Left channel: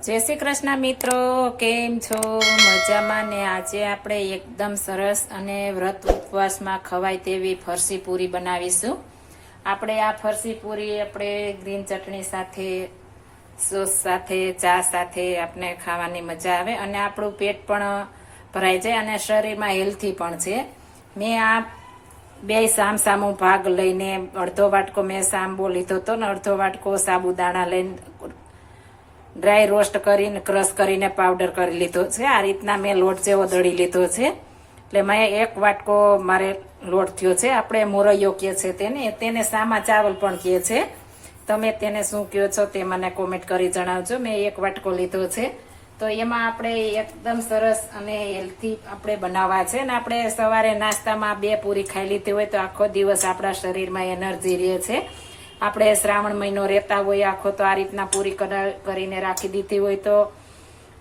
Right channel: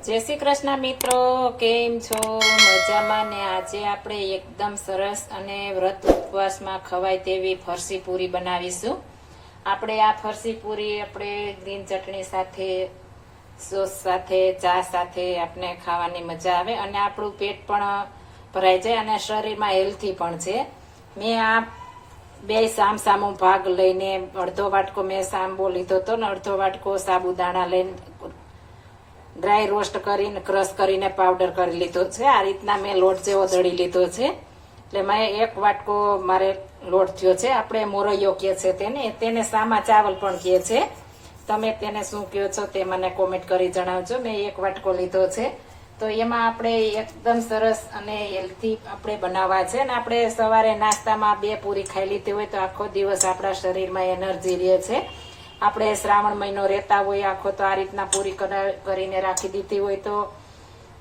જય શ્રી કૃષ્ણ મિત્રો, કેમ છો? મજામાં ને આજે આપણે એકદમ સરસ અને વ્રત ઉપવાસમાં ખવાય તેવી ફરસી પૂરી બનાવીશું. આપણે આ ફરસી પૂરી આપણે ગ્રીન ચટણી સાથે, સોસ સાથે, ચા સાથે આપણે ખાવાની મજા આવે અને આપણું પેટ પણ ભરાઈ જાય અને શરીરમાં હેલ્થી પણ છે. મેં આ બે સામ સામો ભાગ લઈને અડધો વાટકો મેં સાંબો લીધો હતો ને અડધો વાટકો સાબુદાણા લઈને ડ્રાય રોસ્ટ કરીને, ક્રશ કરીને પાવડર કરી લીધો છે. આ રીતના મેં લોટ જેવો દળી લીધો છે. એટલે મેં એક વાટકો મારે લોટ થયો છે. આપણે મોરૈયો કહે છે તેને. તેને સામા ચાવલ પણ કહે છે. તમે તેને શું કહો છો તે મને કોમેન્ટ કરી જણાવજો. મેં એક વાટકો લીધો છે. તો એમાં આપણે એકદમ સરસ અને હેલ્થી આપણે બનાવવા છે. ને આપણે સવારે નાસ્તામાં બે પૂરી ખાઈ લીધી હોય તો આખો દિવસ આપણા શરીરમાં એનર્જી રહે છે. આપણે શ્રાવણ મહિનો રહેતા હોય, આખો તો આ રીતના પૂરી કરા- કરીને રાખી દીધી હોય તો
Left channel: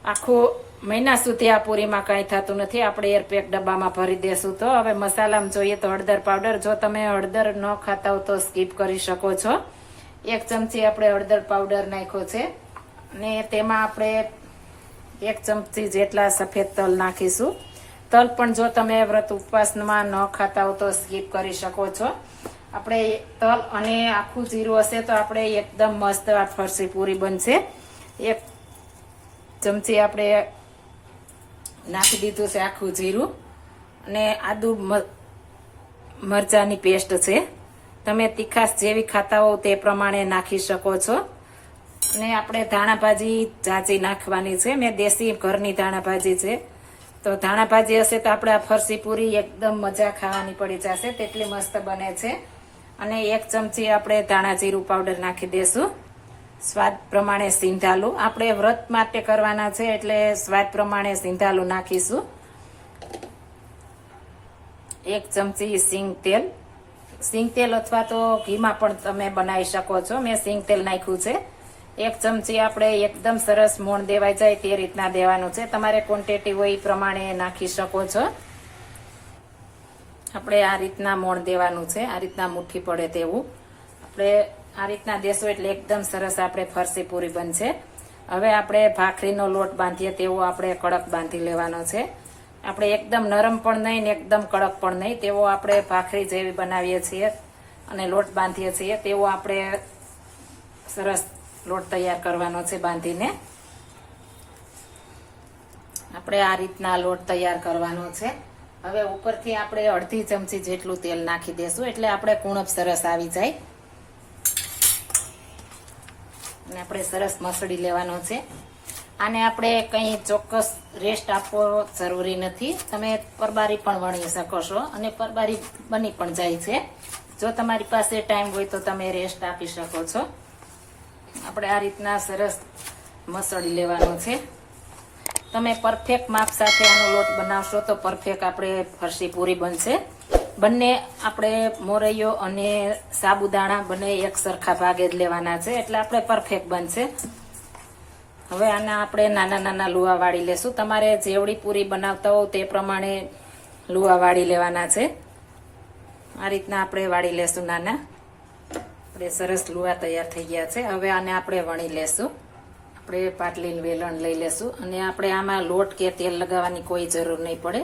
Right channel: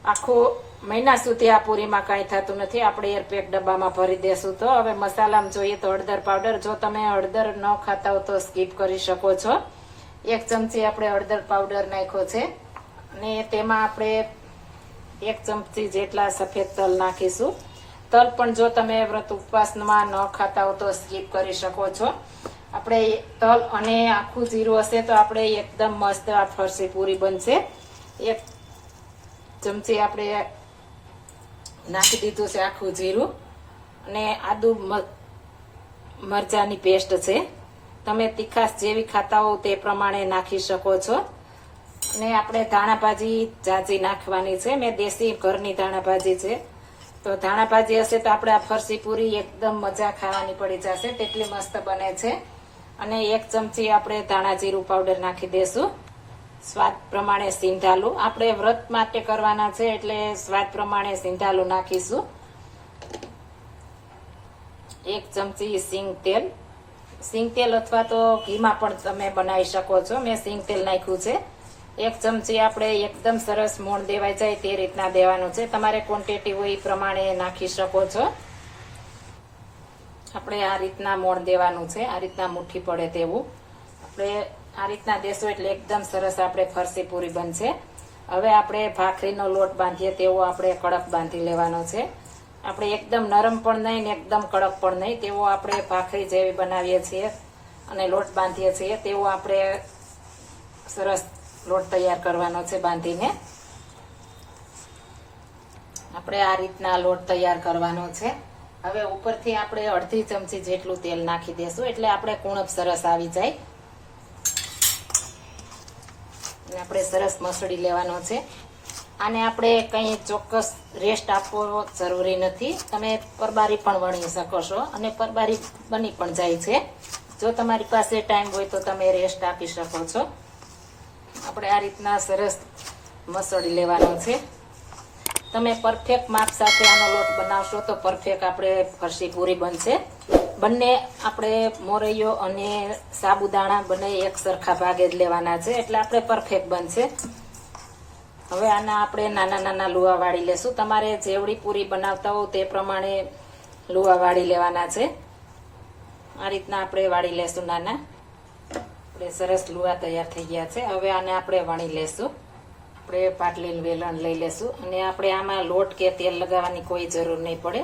આખો મહિના સુધી આ પૂરીમાં કાંઈ થતું નથી. આપણે એરપેક ડબ્બામાં ભરી દેશું તો. હવે મસાલામાં જોઈએ તો હળદર પાવડર. જો તમે હળદર ન ખાતા હો તો સ્કીપ કરી શકો છો. એક ચમચી આપણે હળદર પાવડર નાખ્યો છે. ને તેમાં આપણે એક ચમચી જેટલા સફેદ તલ નાખીશું. તલ પણ જો તમે વ્રત ઉપવાસમાં ન ખાતા હો તો સ્કીપ કરી શકો છો. આપણે તલ અને આખું જીરું હશે તો આપણે એકદમ મસ્ત આ ફરસી પૂરી બનશે. એક ચમચી આપણે નાખી દીધું છે આખું જીરું. અને આદુ મરચાની પેસ્ટ છે. તમે તીખાશ જેવી ખાતા હોવ તે પ્રમાણે નાખી શકો છો. ને આપણે ધાણાભાજી જાજી નાખવાની છે. મેં દેશી ઘરની ધાણાભાજી છે. તો ધાણાભાજી હશે તો આપણે આ ફરસી પૂરી એકદમ મજા ખાવાની પડી જશે. તેટલી મસ્ત બને છે. અને એક ચમચી આપણે ધાણા જીરું પાવડર નાખી દેશું. સ્વાદ પ્રમાણે સિંધાલું. આપણે વ્રત માટે કરવાના છે એટલે સ્વાદ પ્રમાણે સિંધાલું નાખીશું. એક ચમચી સિંગ તેલ. સિંગ તેલ અથવા તો ઘીમાં પણ તમે બનાવી શકો છો. મેં સિંગ તેલ નાખ્યું છે. એક ચમચી આપણે એકદમ સરસ મોણ દેવાઈ જાય તે રીતના દેવાનું છે. તમારે ક્વોન્ટિટી હોય એ પ્રમાણે નાખી શકો છો. આપણે આ રીતના મોણ દેવાનું છે, આ રીતના મુઠ્ઠી પડે તેવું. આપણે આ રીતના દેશો એટલે એકદમ સરસ આપણે ફરસી પૂરી બનશે. હવે આપણે ભાખરીનો લોટ બાંધીએ તેવો આપણે કડક બાંધી લેવાનો છે. આપણે એકદમ નરમ પણ નહીં ને એકદમ કડક પણ નહીં, તેવો આપણે ભાખરી જેવી બનાવીએ છીએ અને લોટ બાંધીએ છીએ, તેવો આપણે સરસ લોટ તૈયાર કરવાનો છે બાંધીને. આપણે આ રીતના લોટ તૈયાર કરવાનો છે. હવે ઉપરથી આપણે અડધી ચમચી જેટલું તેલ નાખી દેશું, એટલે આપણે કુણપ સરસ આવી જાય. અને આપણે સરસ મસળી લેવાનો છે. આને આપણે કંઈ ચોક્કસ રેસ્ટ આપવો જરૂરી નથી. તમે પરબારી પણ વણી શકો છો અને પરબારી બની પણ જાય છે. જો તમારી પાસે ટાઈમ હોય તો તમે રેસ્ટ આપી શકો છો. આપણે આ રીતના સરસ મસળી લેવાનો છે. તમે પરફેક્ટ માપ સાથે આનો લોટ બનાવશો તો પરફેક્ટ આપણે ફરસી પૂરી બનશે. બંને આપણે મોરૈયો અને સાબુદાણા બંને એક સરખા ભાગે જ લેવાના છે એટલે આપણે પરફેક્ટ બનશે. હવે આના આપણે નાના નાના લુવા વાળી લેશું. તમારે જેવડી પૂરી બનાવતા હો તે પ્રમાણે લુવા વાળી લેવાના છે. આ રીતના આપણે વાળી લેશું નાના. આપણે સરસ લુવા તૈયાર થઈ ગયા છે. હવે આને આપણે વણી લેશું. આપણે પાટલીનું વેલણ લઈ લેશું અને આપણે આમાં લોટ કે તેલ લગાવવાની કોઈ જરૂર નહીં પડે.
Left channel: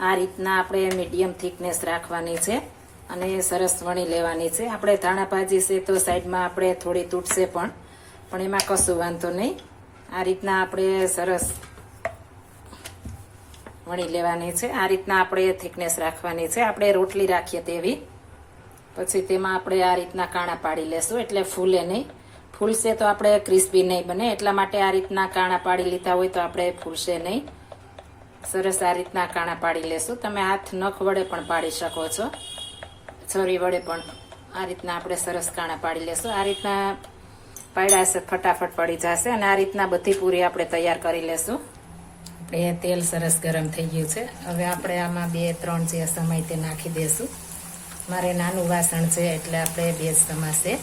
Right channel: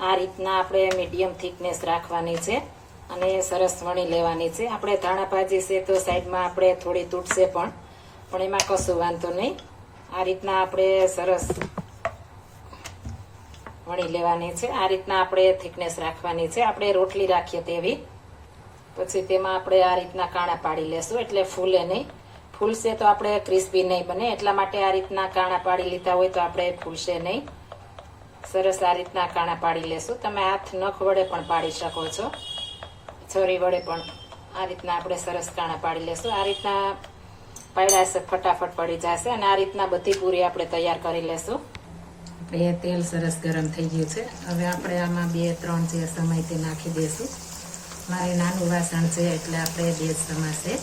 આ રીતના આપણે મીડિયમ થિકનેસ રાખવાની છે અને સરસ વણી લેવાની છે. આપણે ધાણા ભાજી છે તો સાઈડમાં આપણે થોડી તૂટશે પણ પણ એમાં કશું વાંધો નહીં. આ રીતના આપણે સરસ વણી લેવાની છે. આ રીતના આપણે થિકનેસ રાખવાની છે. આપણે રોટલી રાખીએ તેવી. પછી તેમાં આપણે આ રીતના કાણા પાડી લેશું એટલે ફૂલે નહીં. ફૂલશે તો આપણે ક્રિસ્પી નહીં બને. એટલા માટે આ રીતના કાણા પાડી લીધા હોય તો આપણે ફૂલશે નહીં. સરસ આ રીતના કાણા પાડી લેશું. તમે હાથ નખ વડે પણ પાડી શકો છો. છોરી વડે પણ આ રીતના આપણે સરસ કાણા પાડી લેશું. આ રીતના પાડ્યા ફટાફટ પડી જશે અને આ રીતના બધી પૂરી આપણે તૈયાર કરી લેશું. આપણે તેલ સરસ ગરમ થઈ ગયું છે. હવે આપણે આમાં બે, ત્રણ જે સમય તે નાખી દઈશું મારે નાનું વાસણ છે એટલે આપણે બે સમાશે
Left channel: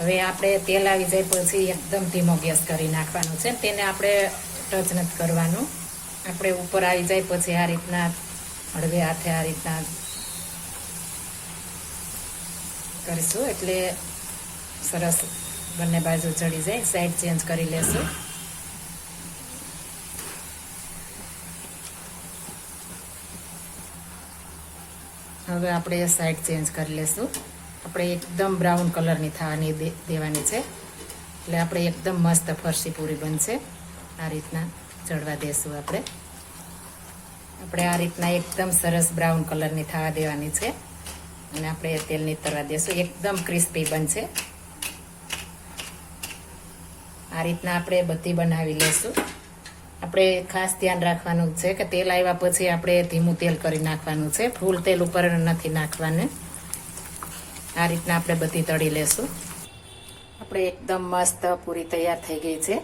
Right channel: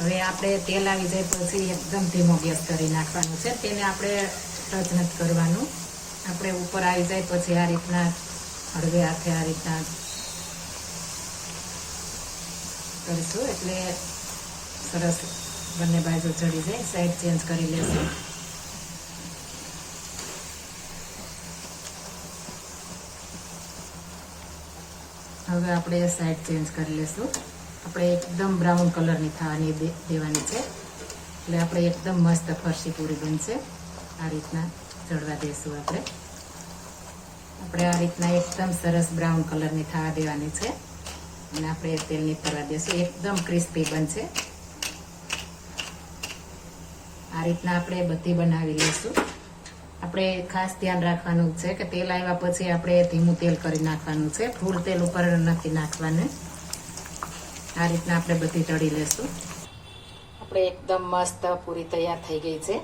હવે આપણે તેલ આવી જાય પછી એકદમ ધીમો ગેસ કરી નાખવાનો છે. તેને આપણે ટચ નથી કરવાનું. આપણે ઉપર આવી જાય પછી આ રીતના, હળવે હાથે આ રીતના કરીશું એટલે સરસ બંને બાજુ ચડી જાય. સાઈડ ચેન્જ કરી લેશું. હવે આપણે સાઈડ ચેન્જ કરી લેશું. આપણે એકદમ બ્રાઉન કલરની થવાની દેવાની છે. એટલે આપણે એકદમ મસ્ત ફરસી પૂરી બનશે. આ રીતના ચડવા દેશું આપણે. આપણે આ રીતના એકદમ સરસ બ્રાઉન કલરની થવા દેવાની છે. અને આપણે તેલની તરવા દેશું. એકદમ ક્રિસ્પી બનશે. આ રીતના આપણે બધી બનાવી લઈશું આપણે ખાસ ધ્યાન રાખવાનું છે કે તેલ આવ્યા પછી આપણે ધીમું તેલ કરી નાખવાનું છે. ફૂલ તેલ ઉપર નથી નાખવાનું. આ રીતના આપણે બધી તળી લેશું. આપણે એકદમ મસ્ત પૂરી તૈયાર થઈ ગઈ છે.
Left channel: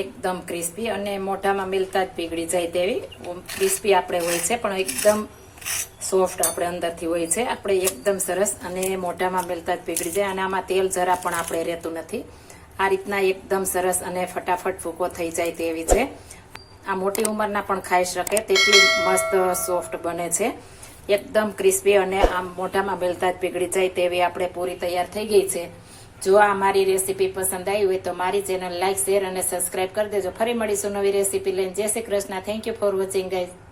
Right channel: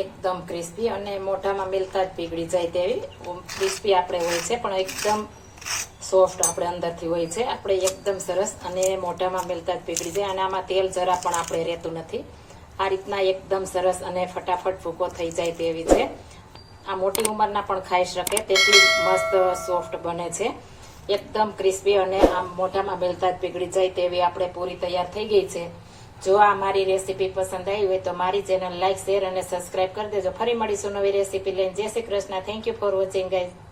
એકદમ ક્રિસ્પી અને મોઢામાં મિલતા જ પીગળી જાય તેવી. ક્રિસ્પી આપણે હોય છે, પણ એકદમ સોફ્ટ આપણે અંદરથી હોય છે. આપણે એકદમ સરસ અને મોઢામાં મિલતા જ પીગળી જાય અને આમાં તેલ જરા પણ આપણે રહેતું નથી. આ રીતના એકદમ સરસ અને ફટાફટ ફૂકો થઈ જાય તેવી છે. આ મોટી ઉંમરના પણ ખાઈ શકે તેટલી મસ્ત સોફ્ટ બને છે. એકદમ ક્રિસ્પી અને આમ મોઢામાં બેલતા જ પીગળી જાય તેવી આપણે પૂરી તૈયાર થઈ ગઈ છે. જો આ મારી રેસીપી પસંદ આવી હોય તો મારી ચેનલ લાઇક શેર અને સબસ્ક્રાઇબ કરી દેજો. ફરી મળીશું નવી રેસીપી લઈને. જય Shri Krishna. Thank you for watching guys